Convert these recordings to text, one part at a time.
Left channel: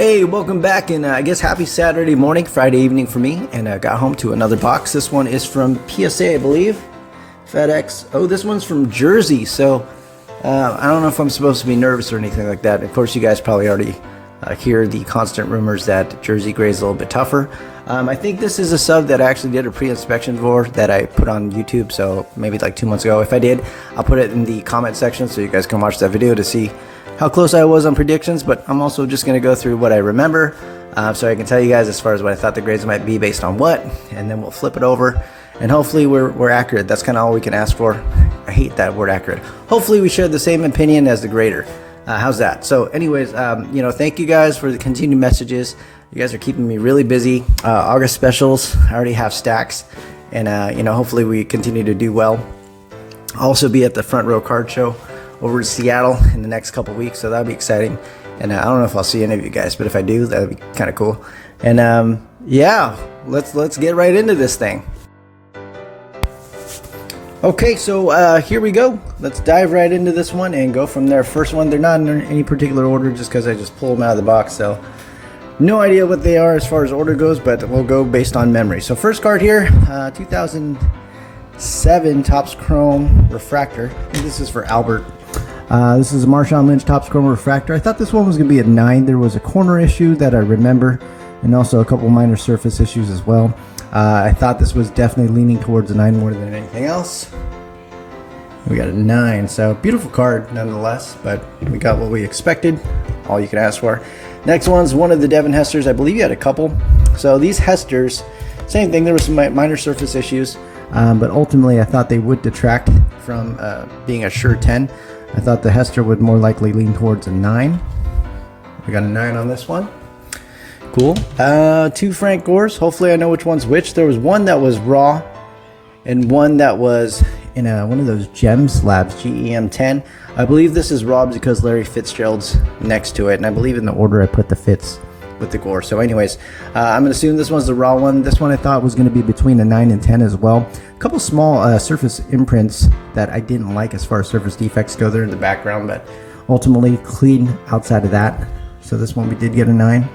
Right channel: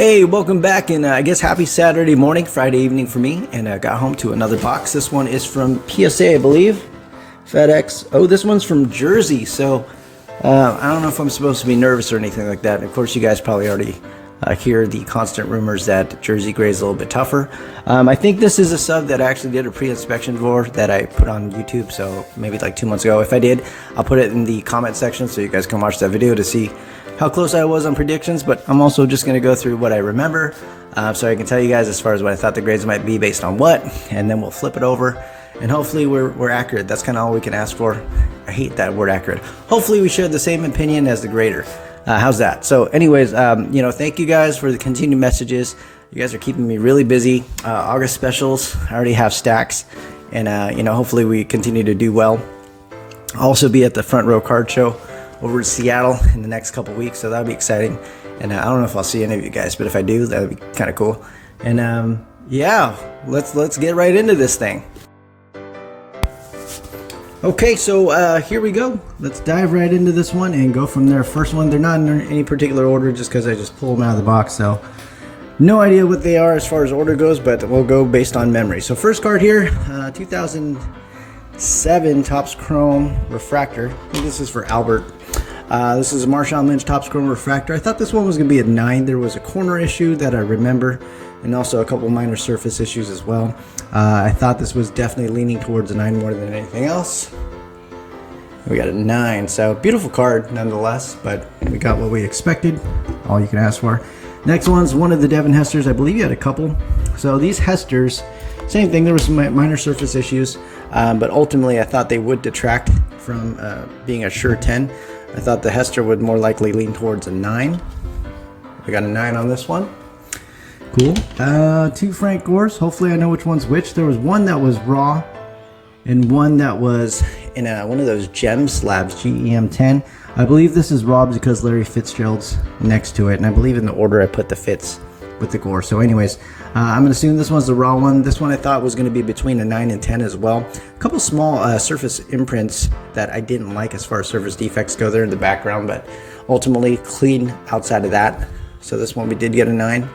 Hey, welcome back, and I guess happy Saturday morning, Friday evening for me, and I got home to another box. This one is from PSA, I believe. FedEx. Oh, this one's from Jersey, so I don't know if I'm supposed to be nervous or anything like that. Of course, you guys probably already hear the constant rumors that Jersey gray is a little bit tougher. I think this is a sub that I actually did a pre-inspection for that I put on YouTube, so maybe like 2 months ago. If I did, I'll put it in the comment section so you guys can watch that video to see how close I was on predictions, but I'm also just going to go through what I remember so I can tell you guys as far as what I thought the grades might be based on what, and then we'll flip it over and hopefully we're accurate. That's kind of all we can ask for. I hate that word accurate. Hopefully we share the same opinion as the grader. How's that? So anyways, thank you guys for the continued messages. You guys are keeping me really busy. August specials, I already have stacks, and hopefully we continue to do well. I'll also be at the Front Row Card Show over to Seattle in the next couple weeks, so that'll be exciting. And I don't know if I'll see any of you guys, but if I do, that'll be kind of cool. And yeah, let's get right into this thing. Okay, so here we go. Let's dive right into this one and go from there. First one, they're not in any particular order just because I just pulled them out of the box, so no idea what they are as far as order goes, but we'll go based on memory. So first card here, 2007 Topps Chrome Refractor. I think this is for Albert. This is a Marshawn Lynch Topps Chrome Refractor. I thought this one was going to be a 9. There was a corner issue that I remember, and also a couple minor surface issues as well. I thought this was definitely leaning towards a 9 more than anything else. We got a 9, so beautiful card nonetheless, but we got what we expected, all you can ask for. Next one's one of the Devin Hesters. I believe you had a couple. So these Hesters, same thing, there were some minor surface issues, but ultimately I thought they would detract from being a sure 10. I thought the Hester would more likely lean towards a 9. We got a 9 on this one. Cool. 2 Frank Gores. Hopefully I know which one's which. There was one that was raw and one that was in one of those GEM slabs, GEM 10. I believe this is raw because Larry Fitzgerald's next to it, and I believe in the order I put the Fitz with the Gore. So anyways, I'm going to assume this one's the raw one. This one I thought was going to be between a 9 and 10 as well. A couple small surface imprints that I didn't like as far as surface defects go there in the background, but ultimately clean outside of that. So this one we did get a 9.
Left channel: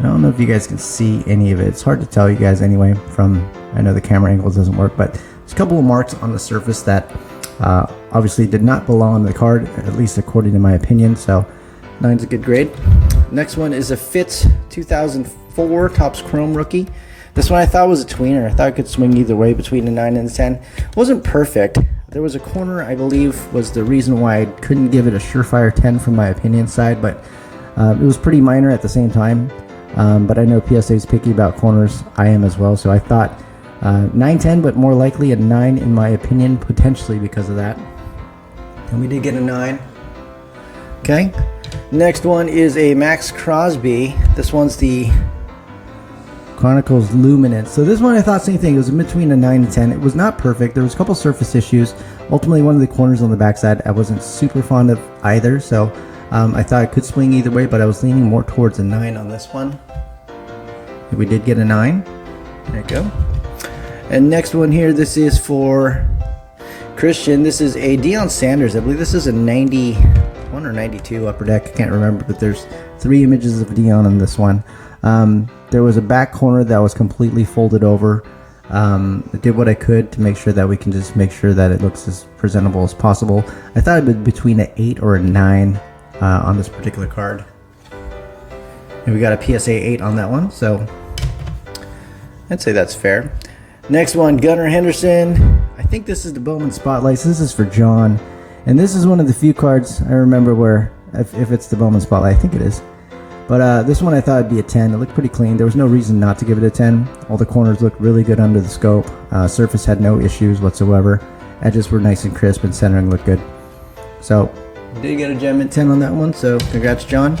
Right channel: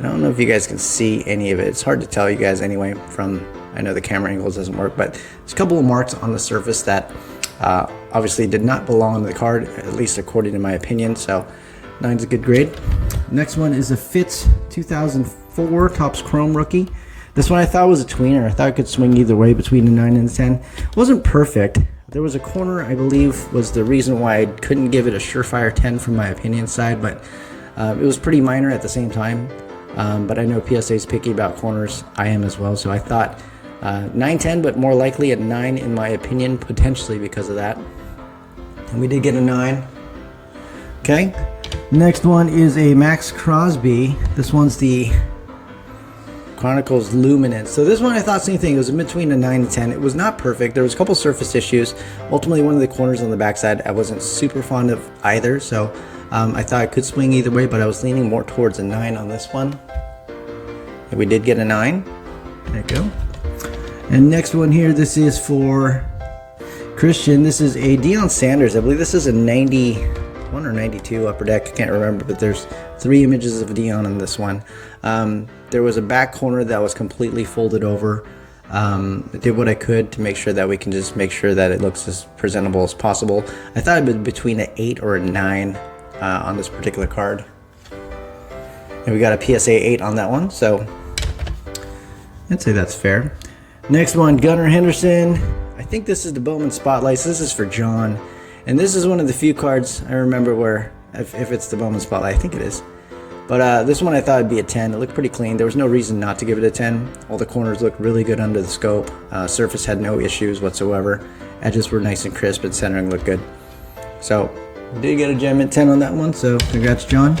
I don't know if you guys can see any of it. It's hard to tell you guys anyway from, I know the camera angles doesn't work, but there's a couple of marks on the surface that obviously did not belong on the card, at least according to my opinion. So 9's a good grade. Next one is a Fitz 2004 Topps Chrome Rookie. This one I thought was a tweener. I thought it could swing either way between a 9 and a 10. It wasn't perfect. There was a corner I believe was the reason why I couldn't give it a surefire 10 from my opinion side, but it was pretty minor at the same time. But I know PSA is picky about corners. I am as well, so I thought 9-10, but more likely a 9 in my opinion, potentially because of that. And we did get a 9. Okay. Next one is a Max Crosby. This one's the Chronicles Luminance. So this one I thought same thing. It was in between a 9 and 10. It was not perfect. There was a couple surface issues. Ultimately, one of the corners on the backside I wasn't super fond of either. So I thought it could swing either way, but I was leaning more towards a 9 on this one. And we did get a 9. There you go. And next one here, this is for Christian. This is a Deion Sanders. I believe this is a 91 or 92 upper deck. I can't remember, but there's 3 images of Deion on this one. There was a back corner that was completely folded over. I did what I could to make sure that we can just make sure that it looks as presentable as possible. I thought it would be between an 8 or a 9 on this particular card. And we got a PSA 8 on that one, so I'd say that's fair. Next one, Gunnar Henderson. I think this is the Bowman Spotlights. This is for John. And this is one of the few cards I remember where, if it's the Bowman Spotlight, I think it is. But this one I thought would be a 10. It looked pretty clean. There was no reason not to give it a 10. All the corners looked really good under the scope. Surface had no issues whatsoever. Edges were nice and crisp and centering looked good. So, did get a gem at 10 on that one, so congrats, John.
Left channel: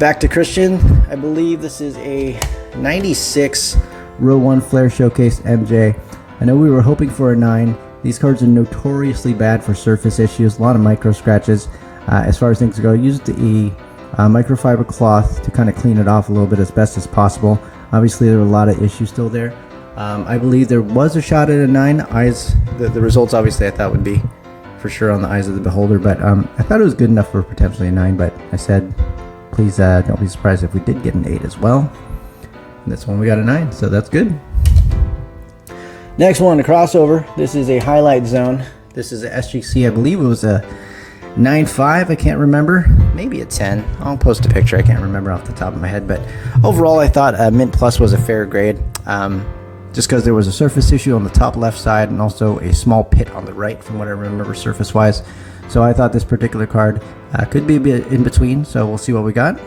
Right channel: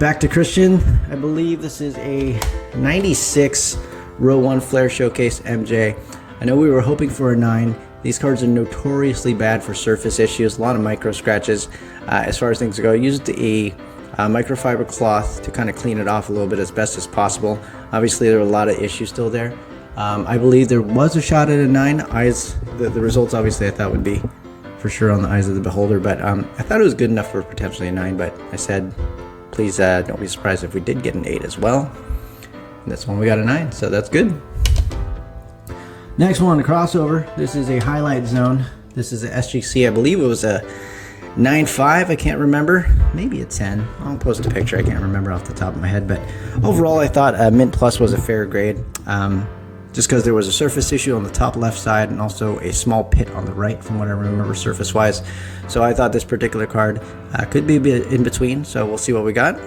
Back to Christian. I believe this is a 96 Row 1 Flare Showcase MJ. I know we were hoping for a 9. These cards are notoriously bad for surface issues, a lot of micro scratches. As far as things go, I used a microfiber cloth to kind of clean it off a little bit as best as possible. Obviously, there were a lot of issues still there. I believe there was a shot at a 9. The results obviously I thought would be for sure on the eyes of the beholder, but I thought it was good enough for potentially a 9, but I said please don't be surprised if we did get an 8 as well. And this one we got a 9, so that's good. Next one, a crossover. This is a highlight zone. This is a SGC. I believe it was a 9.5. I can't remember. Maybe a 10. I'll post a picture. I can't remember off the top of my head. But overall, I thought Mint Plus was a fair grade. Just because there was a surface issue on the top left side and also a small pit on the right from what I remember surface-wise. So I thought this particular card could be a bit in between. So we'll see what we got.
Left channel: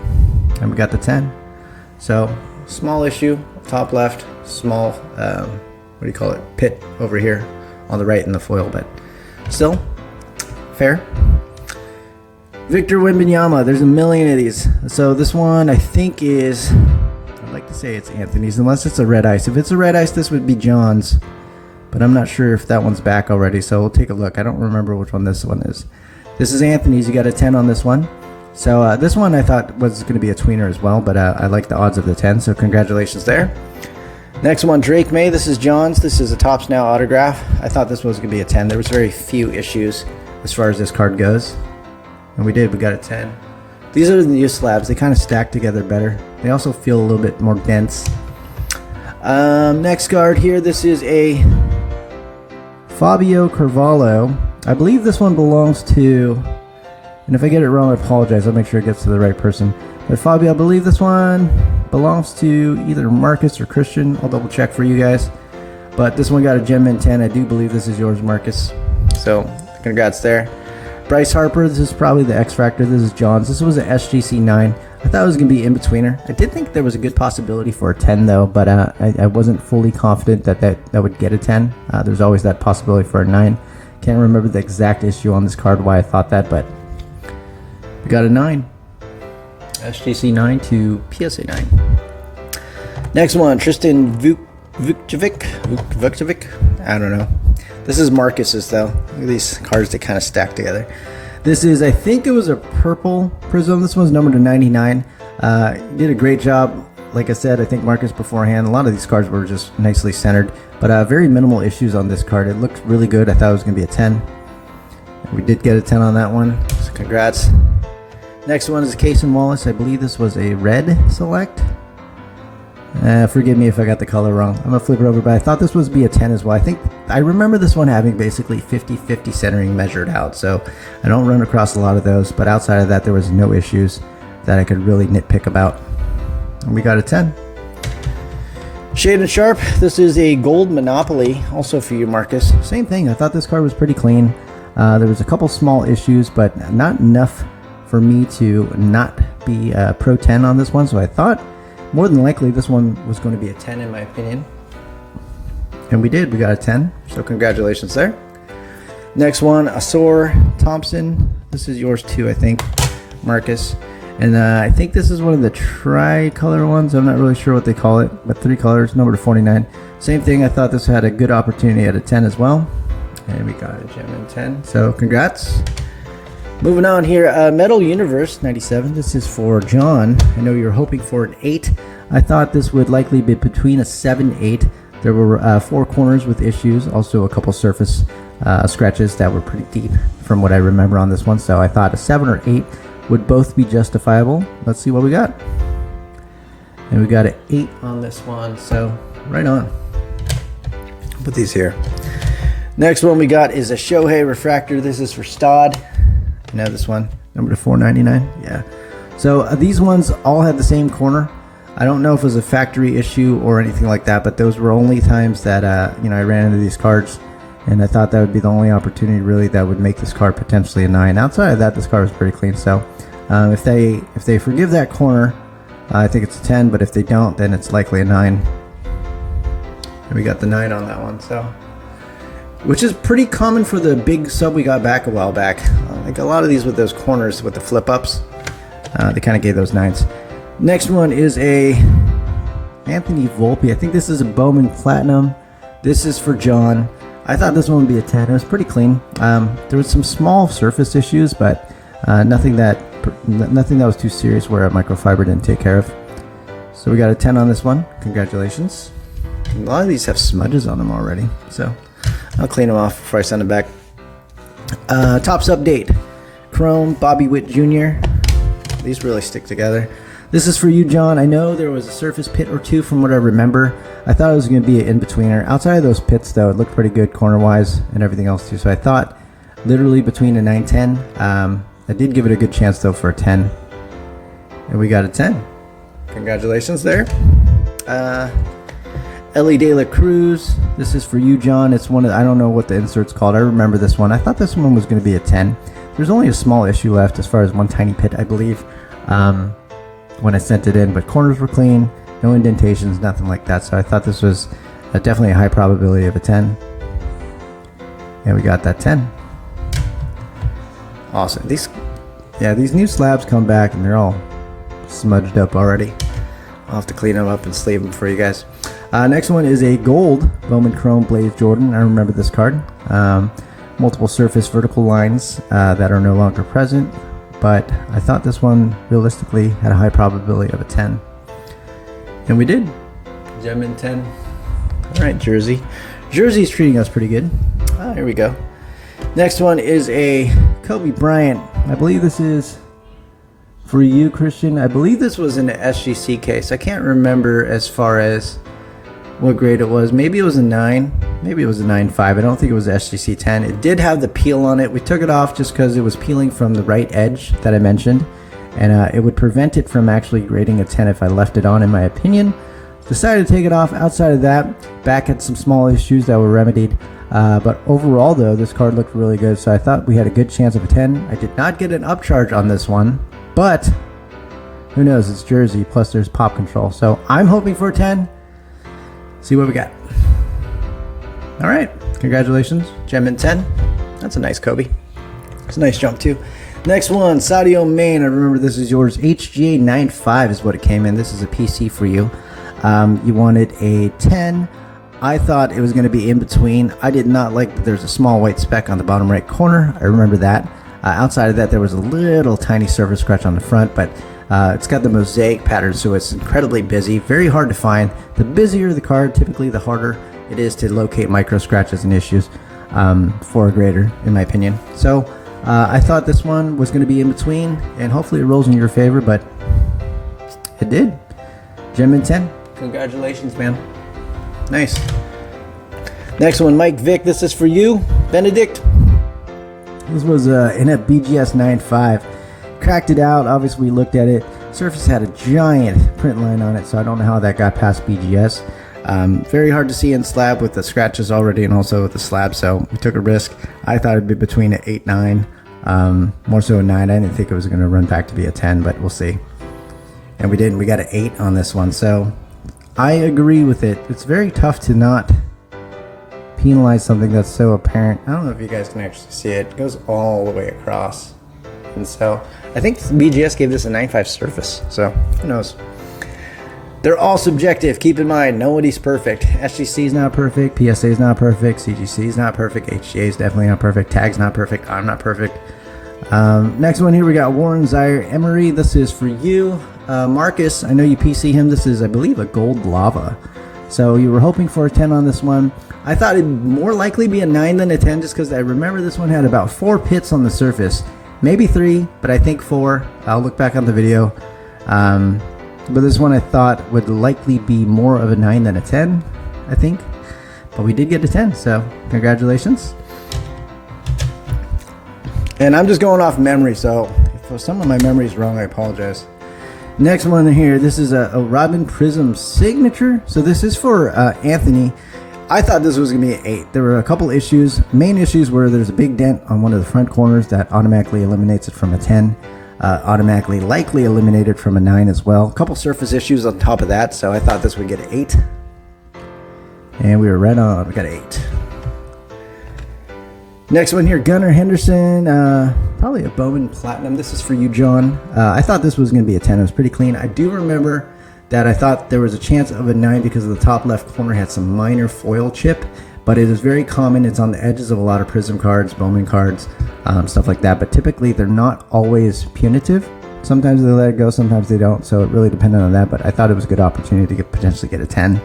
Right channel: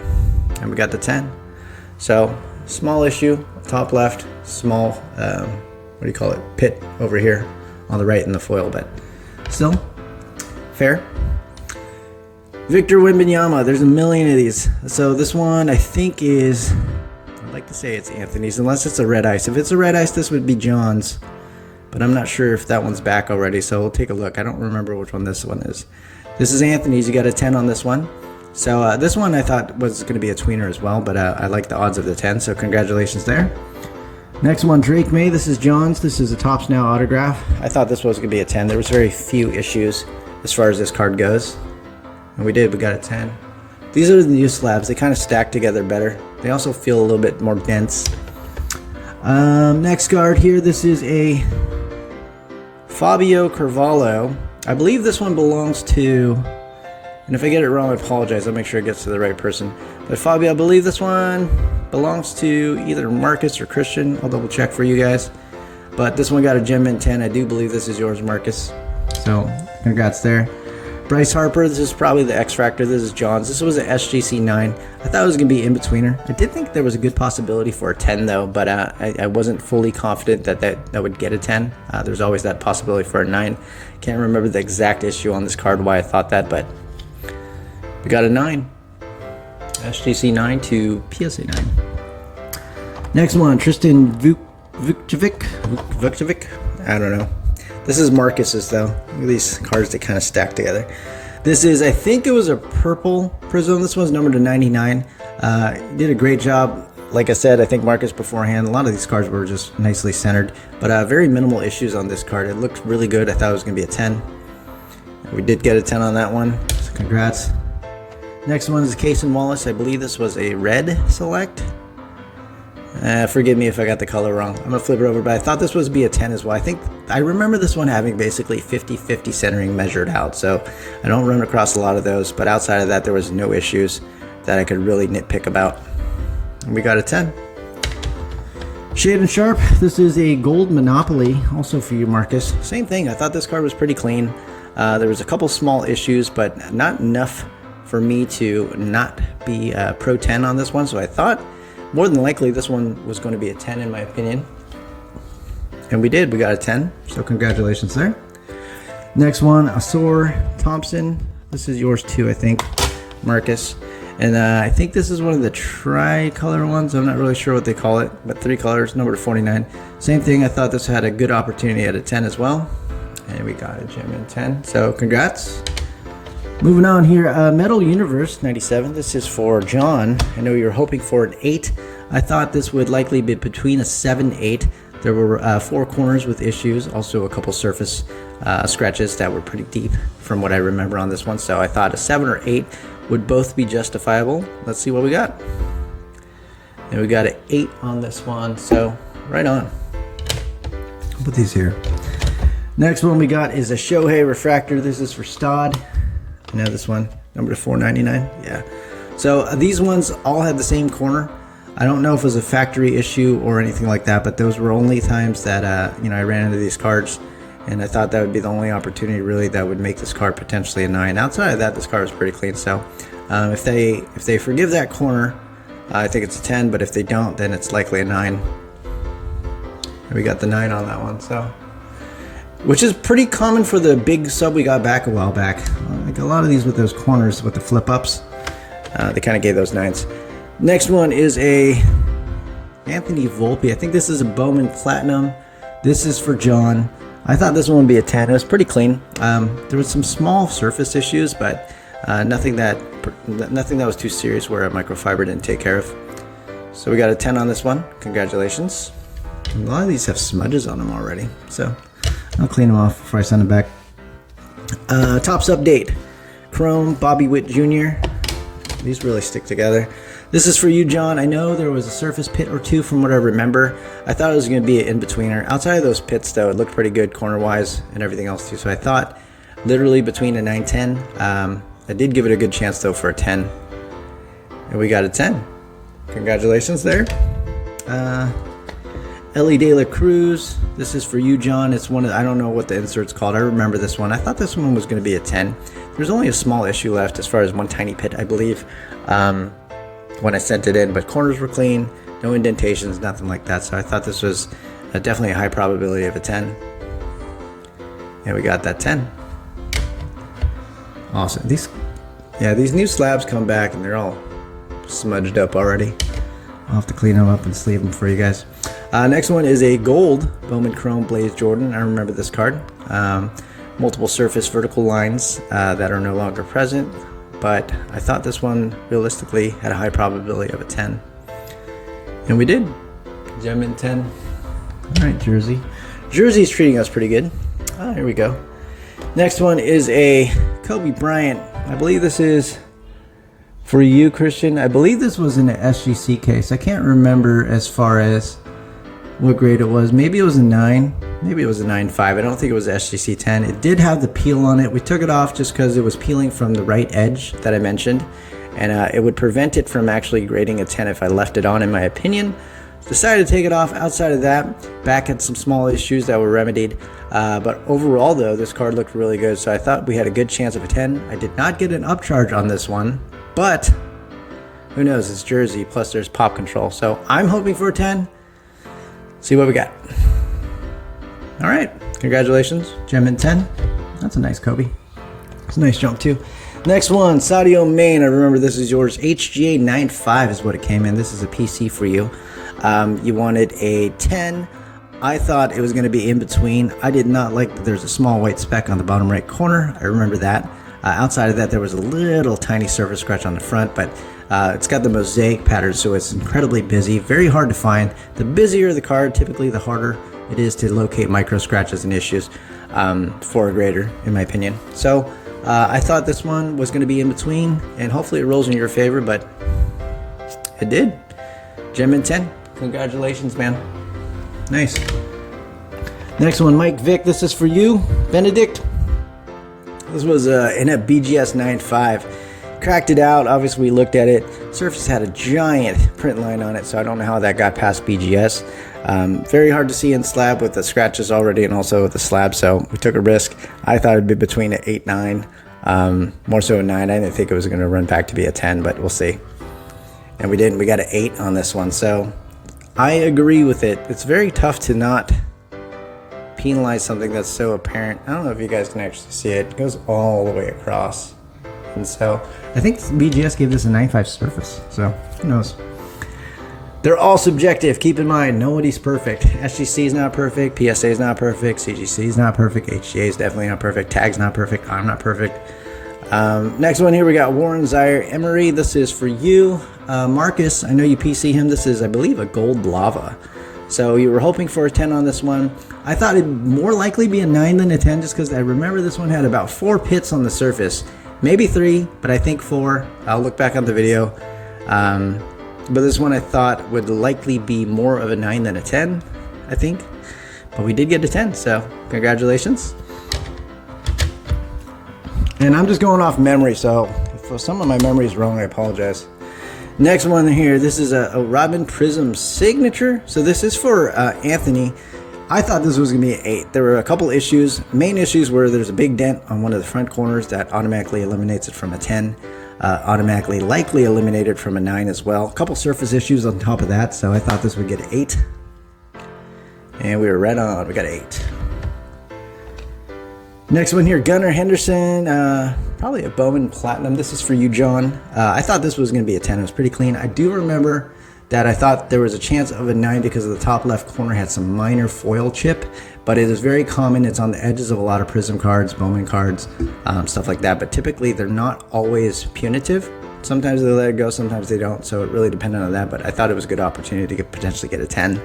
And we got the 10. So small issue, top left, small... what do you call it? Pit over here on the right in the foil, but still fair. Victor Wembanyama, there's a million of these. So this one I think is, I'd like to say it's Anthony's, unless it's a red ice. If it's a red ice, this would be John's, but I'm not sure if that one's back already, so we'll take a look. I don't remember which one this one is. This is Anthony's. You got a 10 on this one. So this one I thought was going to be a tweener as well, but I like the odds of the 10, so congratulations there. Next one, Drake May. This is John's. This is a Topps Now autograph. I thought this was going to be a 10. There was very few issues as far as this card goes. And we did. We got a 10. These are the new slabs. They kind of stack together better. They also feel a little bit more dense. Next card here. This is a Fabio Carvalho. I believe this one belongs to... And if I get it wrong, I apologize. I'll make sure it gets to the right person. But Fabio, I believe this one belongs to either Marcus or Christian. I'll double check for you guys. But this one got a gem in 10. I do believe this is yours, Marcus. So congrats there. Bryce Harper, this is probably the X Factor. This is John's. This was an SGC 9. I thought it was going to be in-betweener. I did think there was a good possibility for a 10 though, but I wasn't fully confident that would get a 10. There's always that possibility for a 9. Can't remember the exact issue on this card why I thought that, but we got a 9. SGC 9 to PSA 9. Next one, Tristan Vukcevic. I don't know. This is Marcus's though. Look at these cards that kind of stack together. This is, I think it was a purple Prism. This one's numbered to 99. He did a great job. Like I said, I think Marcus beforehand, a lot of these cards were just nicely centered, but very minimal issues on this card. It looked really good. I thought it was going to be a 10. We did get a 10 on that one, so congrats. Next one is Cason Wallace. I believe this was a red select. Forgive me if I got the color wrong. I'm going to flip it over, but I thought this was be a 10 as well. I remember this one having basically 50-50 centering measured out, so I don't run across a lot of those, but outside of that, there was no issues that I could really nitpick about. And we got a 10. Shade and Sharp. This is a gold Monopoly, also for you, Marcus. Same thing. I thought this card was pretty clean. There was a couple small issues, but not enough for me to not be Pro 10 on this one, so I thought more than likely this one was going to be a 10 in my opinion. And we did. We got a 10, so congratulations there. Next one, Asor Thompson. This is yours too, I think, Marcus. And I think this is one of the tri-color ones. I'm not really sure what they call it, but 3 colors, number 49. Same thing. I thought this had a good opportunity at a 10 as well. And we got a gem in 10, so congrats. Moving on here, Metal Universe 97. This is for John. I know you're hoping for an 8. I thought this would likely be between a 7 and 8. There were 4 corners with issues, also a couple surface scratches that were pretty deep from what I remember on this one. So I thought a 7 or 8 would both be justifiable. Let's see what we got. And we got an 8 on this one, so right on. I'll put these here. Next one we got is a Shohei Refractor. This is for Stod. You know this one, number 499. Yeah. So these ones all had the same corner. I don't know if it was a factory issue or anything like that, but those were only times that I ran into these cards, and I thought that would be the only opportunity really that would make this card potentially a 9. Outside of that, this card was pretty clean. So if they forgive that corner, I think it's a 10. But if they don't, then it's likely a 9. And we got the 9 on that one. So. Which is pretty common for the big sub we got back a while back. Like a lot of these with those corners with the flip ups, they kind of gave those 9s. Next one is a Anthony Volpe. I think this is a Bowman Platinum. This is for John. I thought this one would be a 10. It was pretty clean. There was some small surface issues, but nothing that was too serious where a microfiber didn't take care of. So we got a 10 on this one. Congratulations. A lot of these have smudges on them already, so I'll clean them off before I send them back. Topps update. Chrome, Bobby Witt Jr. These really stick together. This is for you, John. I know there was a surface pit or two from what I remember. I thought it was going to be an in-betweener. Outside of those pits, though, it looked pretty good corner-wise and everything else, too. So I thought literally between a 9-10. I did give it a good chance, though, for a 10. And we got a 10. Congratulations there. Ellie De La Cruz. This is for you, John. It's one of, I don't know what the insert's called. I remember this one. I thought this one was going to be a 10. There's only a small issue left as far as one tiny pit, I believe, when I sent it in. But corners were clean, no indentations, nothing like that. So I thought this was definitely a high probability of a 10. And we got that 10. Awesome. These new slabs come back and they're all smudged up already. I'll have to clean them up and sleeve them for you guys. Next one is a gold Bowman Chrome Blaze Jordan. I remember this card. Multiple surface vertical lines that are no longer present, but I thought this one realistically had a high probability of a 10. And we did. Gem in 10. All right, Jersey. Jersey's treating us pretty good. Here we go. Next one is a Kobe Bryant. I believe this is for you, Christian. I believe this was in an SGC case. I can't remember as far as what grade it was. Maybe it was a 9. Maybe it was a 9.5. I don't think it was SGC 10. It did have the peel on it. We took it off just because it was peeling from the right edge that I mentioned. And it would prevent it from actually grading a 10 if I left it on, in my opinion. Decided to take it off. Outside of that, back had some small issues that were remedied. But overall, though, this card looked really good. So I thought we had a good chance of a 10. I did not get an upcharge on this one. But who knows? It's Jersey. Plus, there's pop control. So I'm hoping for a 10. See what we got. All right. Congratulations. Gem in 10. That's a nice Kobe. It's a nice jump, too. Next one, Sadio Main. I remember this is yours. HGA 9.5 is what it came in. This is a PC for you. You wanted a 10. I thought it was going to be in between. I did not like that there's a small white speck on the bottom right corner. I remember that. Outside of that, there was a little tiny surface scratch on the front, but it's got the mosaic pattern, so it's incredibly busy. Very hard to find. The busier the card, typically the harder it is to locate micro scratches and issues for a grader, in my opinion. So I thought this one was going to be in between, and hopefully it rolls in your favor, but it did. Gem in 10. Congratulations, man. Nice. Next one, Mike Vick. This is for you, Benedict. This was in a BGS 9.5. Cracked it out. Obviously, we looked at it. Surface had a giant print line on it, so I don't know how that got past BGS. Very hard to see in slab with the scratches already and also with the slab, so we took a risk. I thought it'd be between an 8, 9, more so a 9. I didn't think it was going to run back to be a 10, but we'll see. And we didn't. We got an 8 on this one, so I agree with it. It's very tough to not penalize something that's so apparent. I don't know if you guys can actually see it. It goes all the way across. And so I think BGS gave this a 9.5 surface. So who knows? They're all subjective. Keep in mind, nobody's perfect. SGC is not perfect. PSA is not perfect. CGC is not perfect. HGA is definitely not perfect. Tag's not perfect. I'm not perfect. Next one here, we got Warren Zaire Emery. This is for you. Marcus, I know you PC him. This is, I believe, a gold lava. So you were hoping for a 10 on this one. I thought it'd more likely be a 9 than a 10 just because I remember this one had about 4 pits on the surface. Maybe 3, but I think 4. I'll look back on the video. But this one I thought would likely be more of a 9 than a 10, I think. But we did get a 10, so congratulations. And I'm just going off memory, so if some of my memory is wrong, I apologize. Next one here, this is a Robin Prism signature. So this is for Anthony. I thought this was going to be an 8. There were a couple issues. Main issues were there's a big dent on one of the front corners that automatically eliminates it from a 10. Automatically likely eliminated from a 9 as well. A couple surface issues on top of that, so I thought this would get an 8. And we were right on. We got an 8. Next one here, Gunnar Henderson. Probably a Bowman Platinum. This is for you, John. I thought this was going to be a 10. It was pretty clean. I do remember that I thought there was a chance of a 9 because of the top left corner had some minor foil chip, but it is very common. It's on the edges of a lot of Prism cards, Bowman cards, stuff like that. But typically, they're not always punitive. Sometimes they let it go, sometimes they don't. So it really depended on that. But I thought it was a good opportunity to potentially get a 10.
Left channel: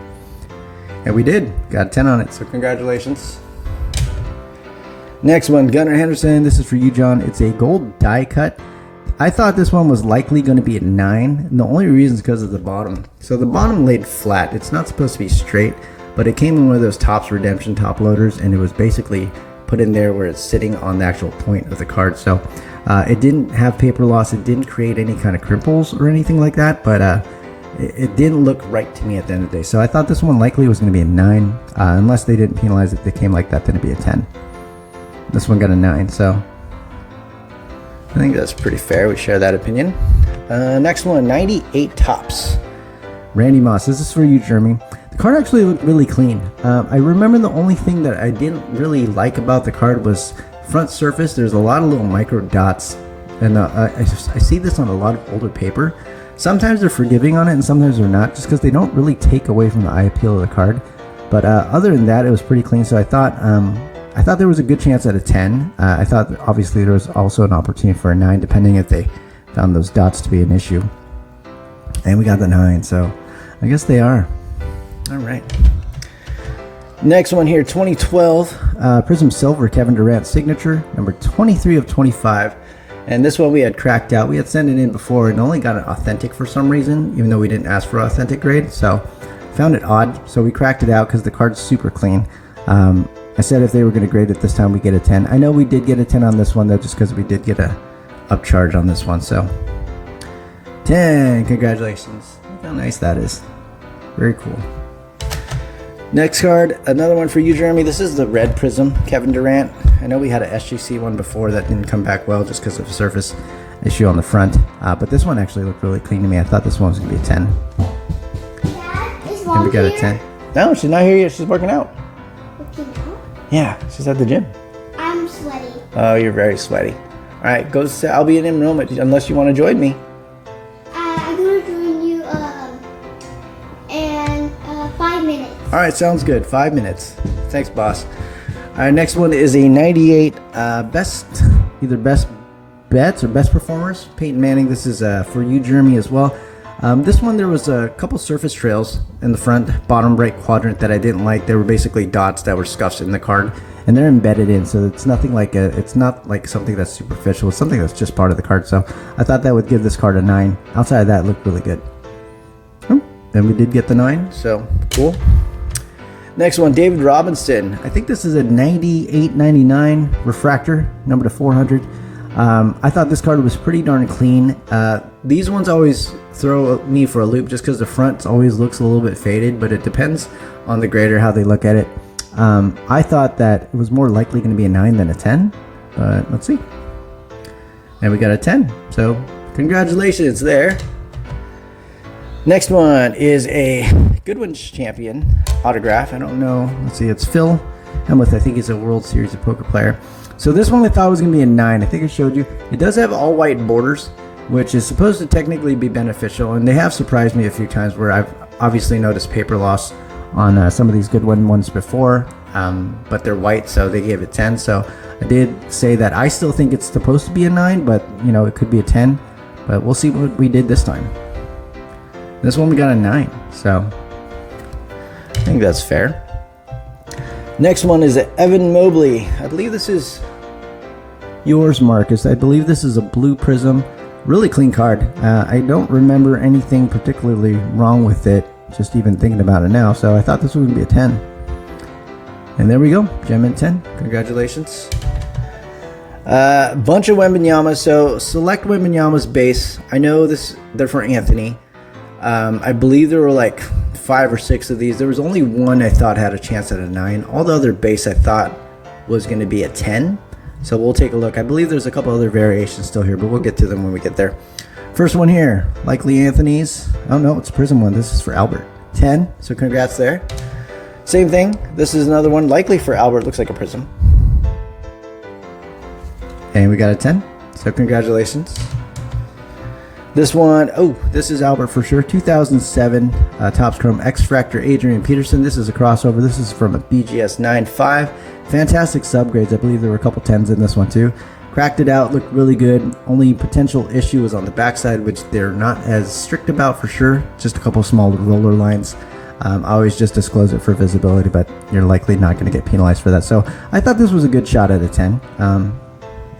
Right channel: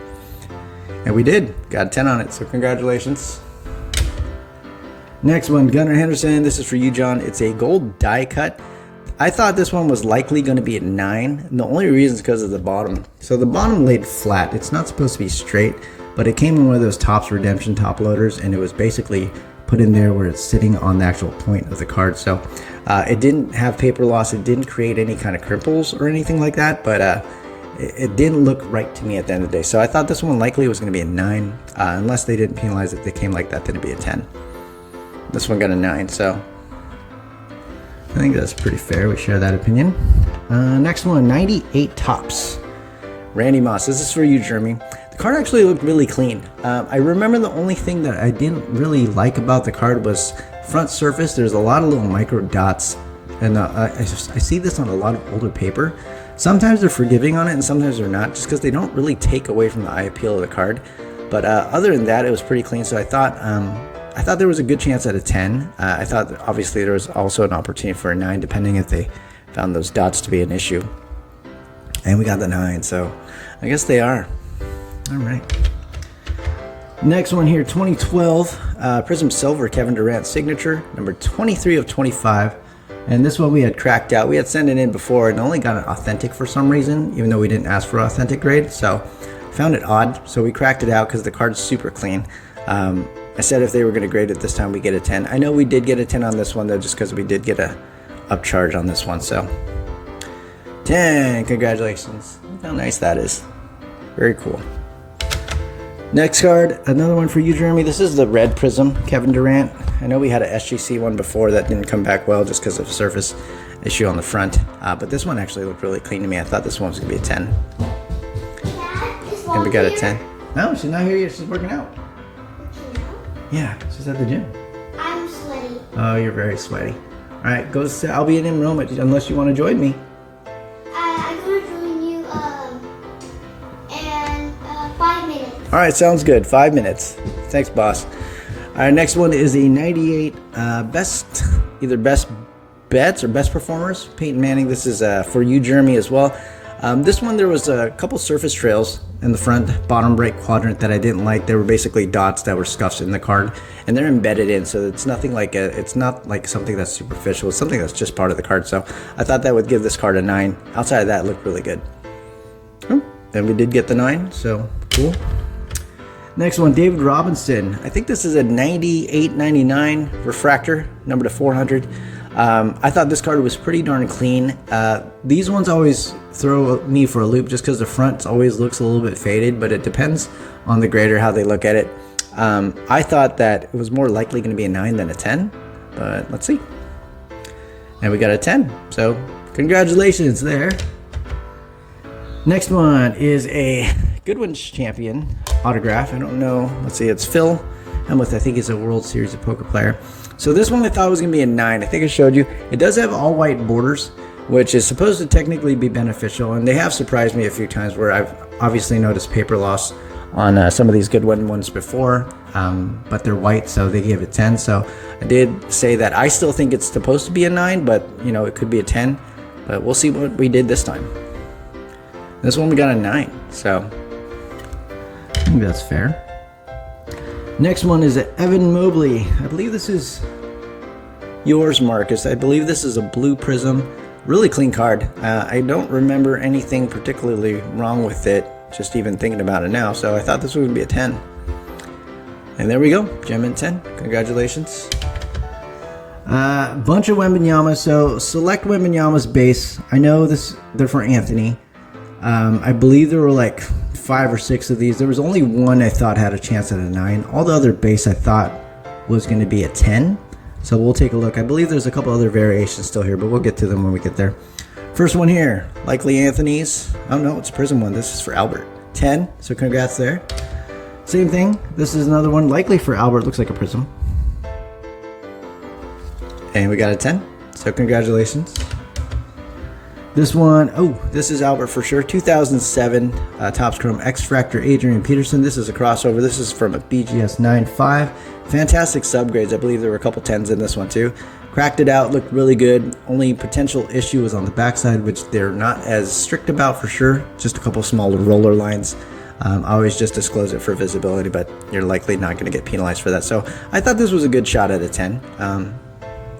And we did. Got a 10 on it. So congratulations. Next one, Gunnar Henderson. This is for you, John. It's a gold die cut. I thought this one was likely going to be a 9, and the only reason is because of the bottom. So the bottom laid flat. It's not supposed to be straight, but it came in one of those Topps Redemption top loaders, and it was basically put in there where it's sitting on the actual point of the card. So it didn't have paper loss. It didn't create any kind of crimples or anything like that, but it didn't look right to me at the end of the day. So I thought this one likely was going to be a 9, unless they didn't penalize it. They came like that, then it'd be a 10. This one got a 9, so I think that's pretty fair. We share that opinion. Next one, 98 Topps. Randy Moss. This is for you, Jeremy. The card actually looked really clean. I remember the only thing that I didn't really like about the card was front surface. There's a lot of little micro dots, and I see this on a lot of older paper. Sometimes they're forgiving on it, and sometimes they're not, just because they don't really take away from the eye appeal of the card. But other than that, it was pretty clean. So I thought there was a good chance at a 10. I thought that obviously there was also an opportunity for a 9, depending if they found those dots to be an issue. And we got the 9, so I guess they are. All right. Next one here, 2012 Prism Silver Kevin Durant signature, number 23 of 25. And this one we had cracked out. We had sent it in before and only got it authentic for some reason, even though we didn't ask for authentic grade. So found it odd. So we cracked it out because the card's super clean. I said if they were going to grade it this time, we get a 10. I know we did get a 10 on this one, though, just because we did get a upcharge on this one. So 10, congratulations. Look how nice that is. Very cool. Next card, another one for you, Jeremy. This is the red Prism Kevin Durant. I know we had a SGC one before that didn't come back well just because of a surface issue on the front. But this one actually looked really clean to me. I thought this one was going to be a 10. Dad, is And we got here? a 10. No, she's not here yet. She's working out. Working out? Yeah, she's at the gym. I'm sweaty. Oh, you're very sweaty. All right, go sit. I'll be in room unless you want to join me. I'm going to join you in 5 minutes. All right, sounds good. 5 minutes. Thanks, boss. All right, next one is a 98 either best bets or best performers. Peyton Manning. This is for you, Jeremy, as well. This one, there was a couple surface trails in the front bottom right quadrant that I didn't like. They were basically dots that were scuffs in the card, and they're embedded in, so it's nothing like it's not like something that's superficial. It's something that's just part of the card. So I thought that would give this card a 9. Outside of that, it looked really good. And we did get the 9, so cool. Next one, David Robinson. I think this is a 98/99 refractor, number to 400. I thought this card was pretty darn clean. These ones always throw me for a loop just because the front always looks a little bit faded, but it depends on the grader how they look at it. I thought that it was more likely going to be a 9 than a 10, but let's see. And we got a 10, so congratulations there. Next one is a Goodwin's Champion autograph. I don't know. Let's see. It's Phil Hellmuth. I think he's a World Series of Poker player. So this one I thought was going to be a 9. I think I showed you. It does have all white borders, which is supposed to technically be beneficial. And they have surprised me a few times where I've obviously noticed paper loss on some of these Goodwin ones before. But they're white, so they gave it 10. So I did say that I still think it's supposed to be a 9, but you know, it could be a 10. But we'll see what we did this time. This one we got a 9, so I think that's fair. Next one is Evan Mobley. I believe this is yours, Marcus. I believe this is a blue Prism. Really clean card. I don't remember anything particularly wrong with it, just even thinking about it now, so I thought this was going to be a 10. And there we go, gem in 10. Congratulations. Bunch of Wembanyama. So select Wembanyama's base. I know they're for Anthony. I believe there were like 5 or 6 of these. There was only one I thought had a chance at a 9. All the other base I thought was going to be a 10. So we'll take a look. I believe there's a couple other variations still here, but we'll get to them when we get there. First one here, likely Anthony's. Oh no, it's a Prism one. This is for Albert. 10, so congrats there. Same thing. This is another one, likely for Albert. Looks like a Prism. And we got a 10, so congratulations. This one, oh, this is Albert for sure. 2007 Topps Chrome X-Fractor Adrian Peterson. This is a crossover. This is from a BGS 9.5. Fantastic subgrades. I believe there were a couple 10s in this one too. Cracked it out, looked really good. Only potential issue was on the backside, which they're not as strict about for sure. Just a couple small roller lines. I always just disclose it for visibility, but you're likely not going to get penalized for that. So I thought this was a good shot at a 10.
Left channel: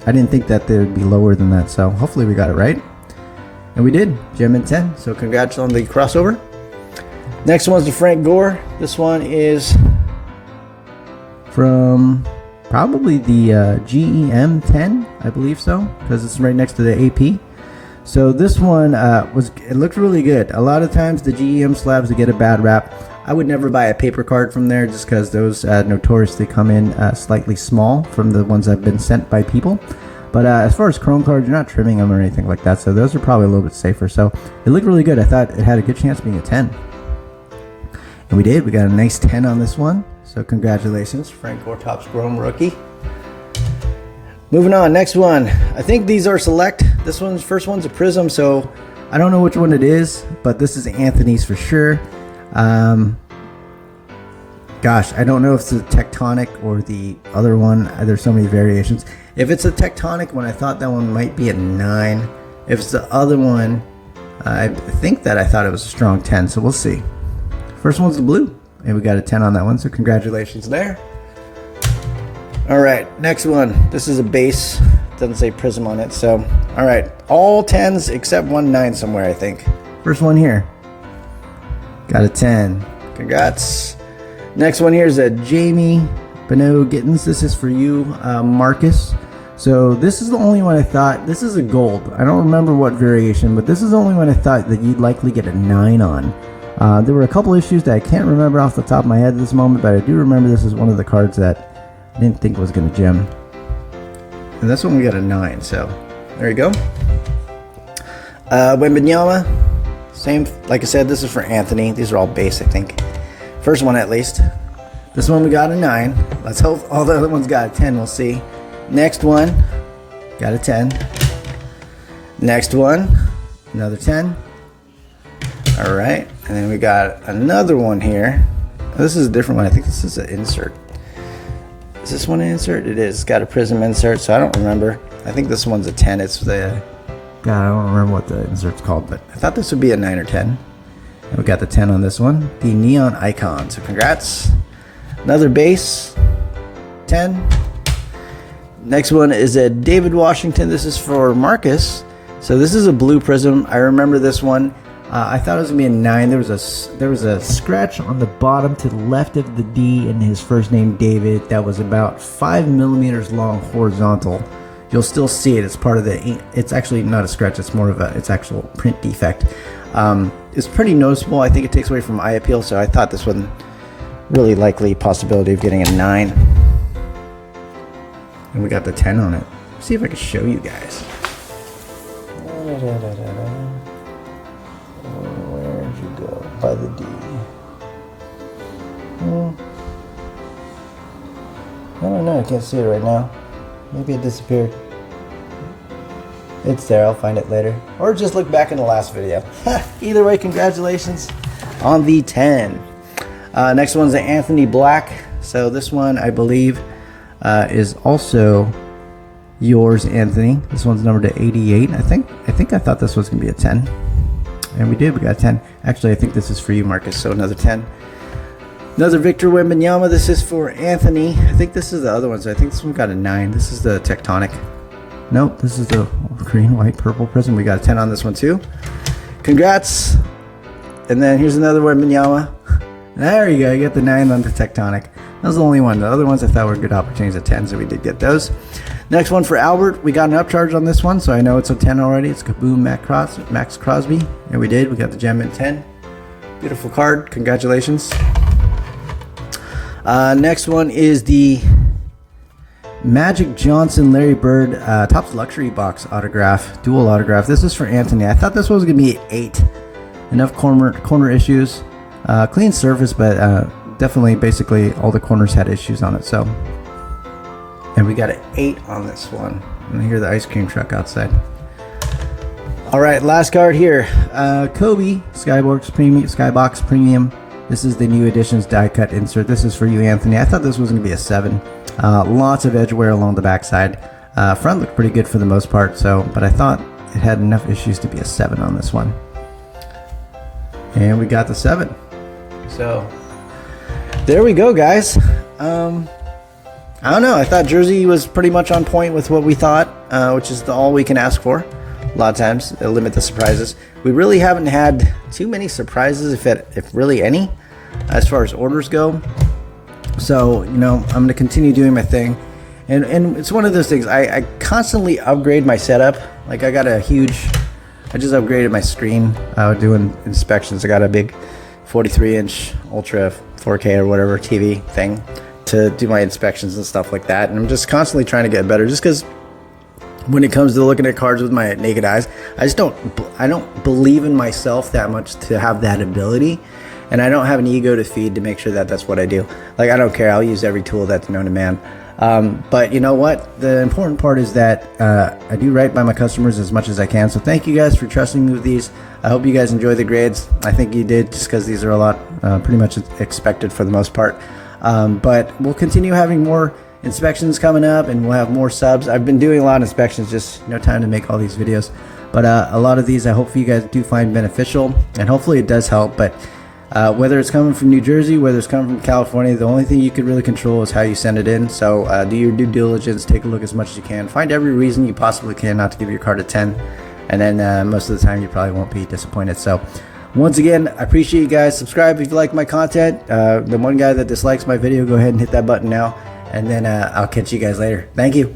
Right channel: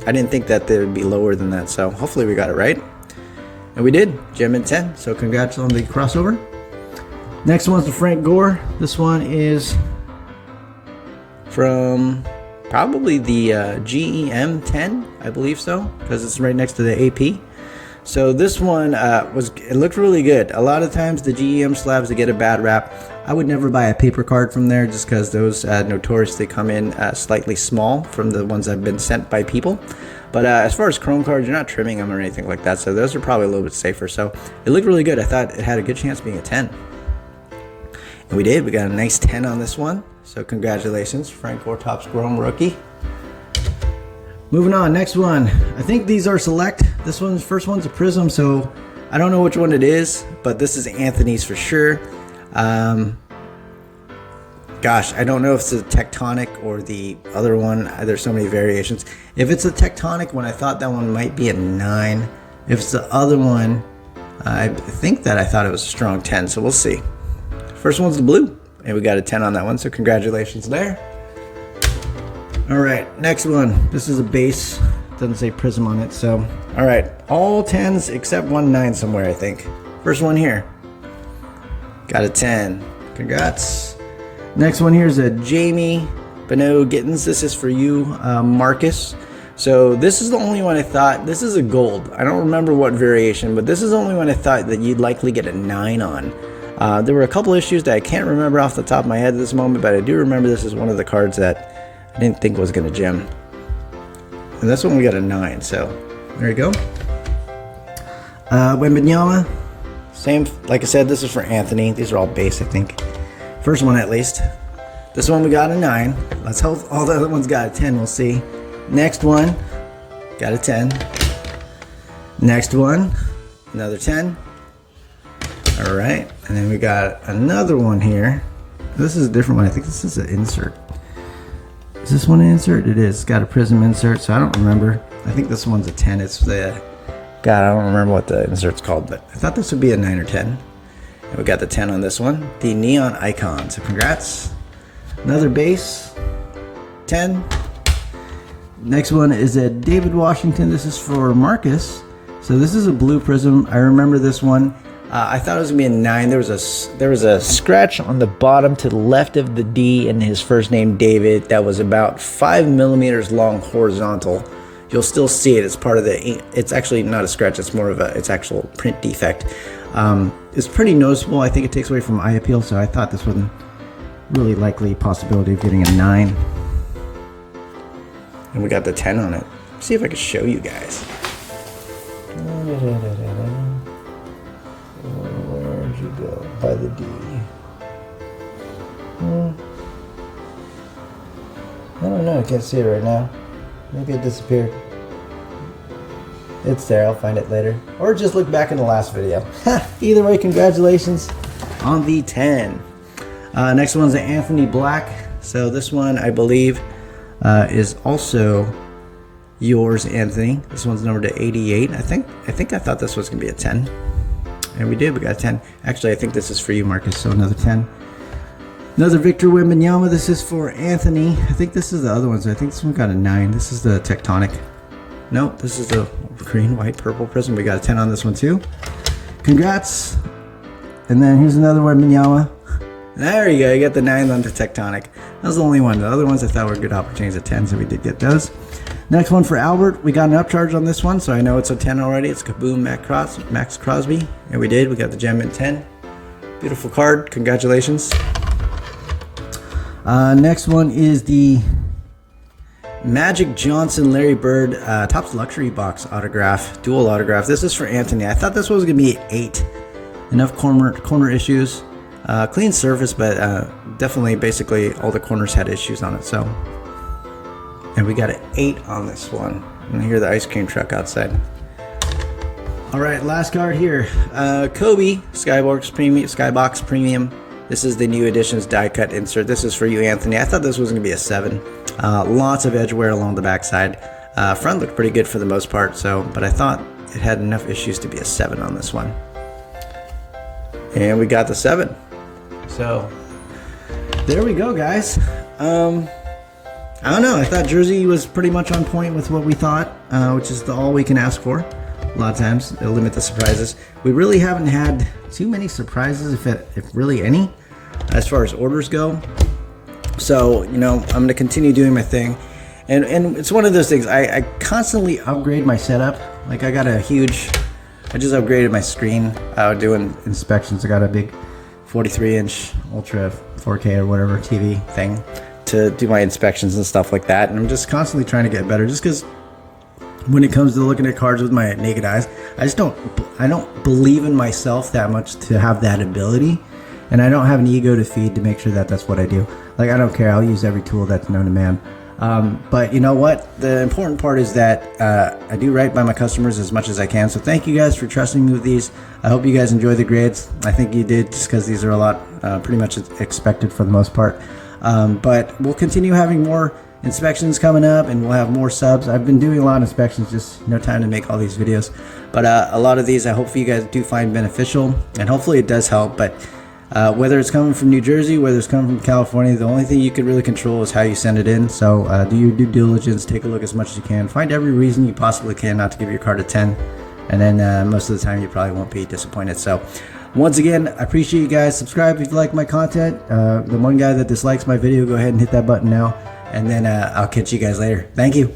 I didn't think that they would be lower than that, so hopefully we got it right. And we did, gem in 10, so congrats on the crossover. Next one's the Frank Gore. This one is from probably the GEM 10, I believe so, because it's right next to the AP. So this one it looked really good. A lot of times the GEM slabs, they get a bad rap. I would never buy a paper card from there just because those notoriously come in slightly small from the ones that have been sent by people. But as far as chrome cards, you're not trimming them or anything like that, so those are probably a little bit safer. So it looked really good. I thought it had a good chance of being a 10. And we did. We got a nice 10 on this one. So congratulations, Frank Gore Topps Chrome rookie. Moving on, next one. I think these are select. This one's first one's a Prism, so I don't know which one it is, but this is Anthony's for sure. Gosh, I don't know if it's a Tectonic or the other one. There's so many variations. If it's a Tectonic one, I thought that one might be a 9. If it's the other one, I think that I thought it was a strong 10, so we'll see. First one's the blue, and we got a 10 on that one, so congratulations there. All right, next one. This is a base. Doesn't say Prism on it, so all right. All 10s except one 9 somewhere, I think. First one here. Got a 10. Congrats. Next one here is a Jamie Beno Gittins. This is for you, Marcus. So this is the only one I thought. This is a gold. I don't remember what variation, but this is the only one I thought that you'd likely get a 9 on. There were a couple issues that I can't remember off the top of my head at this moment, but I do remember this is one of the cards that I didn't think was going to gem. And this one we got a 9, so there you go. Wembanyama, same, like I said, this is for Anthony. These are all base, I think. First one at least. This one we got a 9. Let's hope all the other ones got a 10, we'll see. Next one, got a 10. Next one, another 10. All right, and then we got another one here. This is a different one. I think this is an insert. Is this one an insert? It is. It's got a Prism insert, so I don't remember. I think this one's a 10. It's the, God, I don't remember what the insert's called, but I thought this would be a 9 or 10. And we got the 10 on this one. The Neon Icon, so congrats. Another base, 10. Next one is a David Washington. This is for Marcus. So this is a blue Prism. I remember this one. I thought it was gonna be a 9. There was a scratch on the bottom to the left of the D in his first name, David. That was about 5 millimeters long horizontal. You'll still see it. It's part of the. It's actually not a scratch. It's more of a. It's actual print defect. It's pretty noticeable. I think it takes away from eye appeal. So I thought this one really likely possibility of getting a 9. And we got the 10 on it. Let's see if I can show you guys. Where'd you go? By the D. I don't know. I can't see it right now. Maybe it disappeared. It's there. I'll find it later. Or just look back in the last video. Either way, congratulations on the 10. Next one's the Anthony Black. So this one, I believe, is also yours, Anthony. This one's numbered to 88. I think I thought this was gonna be a 10. And we did, we got a 10. Actually, I think this is for you, Marcus, so another 10. Another Victor Wembanyama. This is for Anthony. I think this is the other one, so I think this one got a 9. This is the Tectonic. Nope, this is the green, white, purple Prism. We got a 10 on this one too. Congrats. And then here's another Wembanyama. There you go, you got the 9 on the Tectonic. That was the only one. The other ones I thought were good opportunities at 10, so we did get those. Next one for Albert. We got an upcharge on this one, so I know it's a 10 already. It's Kaboom Max Crosby. And we did. We got the gem in 10. Beautiful card. Congratulations. Next one is the Magic Johnson Larry Bird Topps Luxury Box autograph. Dual autograph. This is for Anthony. I thought this one was going to be 8. Enough corner issues. Clean surface, but definitely basically all the corners had issues on it. So, and we got an 8 on this one. And I hear the ice cream truck outside. All right, last card here. Kobe Skybox Premium. This is the new editions die cut insert. This is for you, Anthony. I thought this was going to be a 7. Lots of edge wear along the backside. Front looked pretty good for the most part. So, but I thought it had enough issues to be a 7 on this one. And we got the 7. So there we go, guys. I don't know. I thought Jersey was pretty much on point with what we thought, which is all we can ask for. A lot of times, they'll limit the surprises. We really haven't had too many surprises, if really any, as far as orders go. So, you know, I'm going to continue doing my thing. And it's one of those things. I constantly upgrade my setup. Like, I just upgraded my screen doing inspections. I got a big 43-inch Ultra 4K or whatever TV thing to do my inspections and stuff like that. And I'm just constantly trying to get better, just because when it comes to looking at cards with my naked eyes, I don't believe in myself that much to have that ability, and I don't have an ego to feed to make sure that that's what I do. Like, I don't care. I'll use every tool that's known to man. But you know what? The important part is that I do right by my customers as much as I can. So thank you guys for trusting me with these. I hope you guys enjoy the grades. I think you did, just because these are a lot, pretty much expected for the most part. But we'll continue having more inspections coming up, and we'll have more subs. I've been doing a lot of inspections, just no time to make all these videos. But a lot of these I hope you guys do find beneficial, and hopefully it does help. But whether it's coming from New Jersey, whether it's coming from California, the only thing you can really control is how you send it in. So do your due diligence, take a look as much as you can, find every reason you possibly can not to give your card a 10, and then most of the time you probably won't be disappointed. So once again, I appreciate you guys. Subscribe if you like my content. The one guy that dislikes my video, go ahead and hit that button now, and then I'll catch you guys later. Thank you.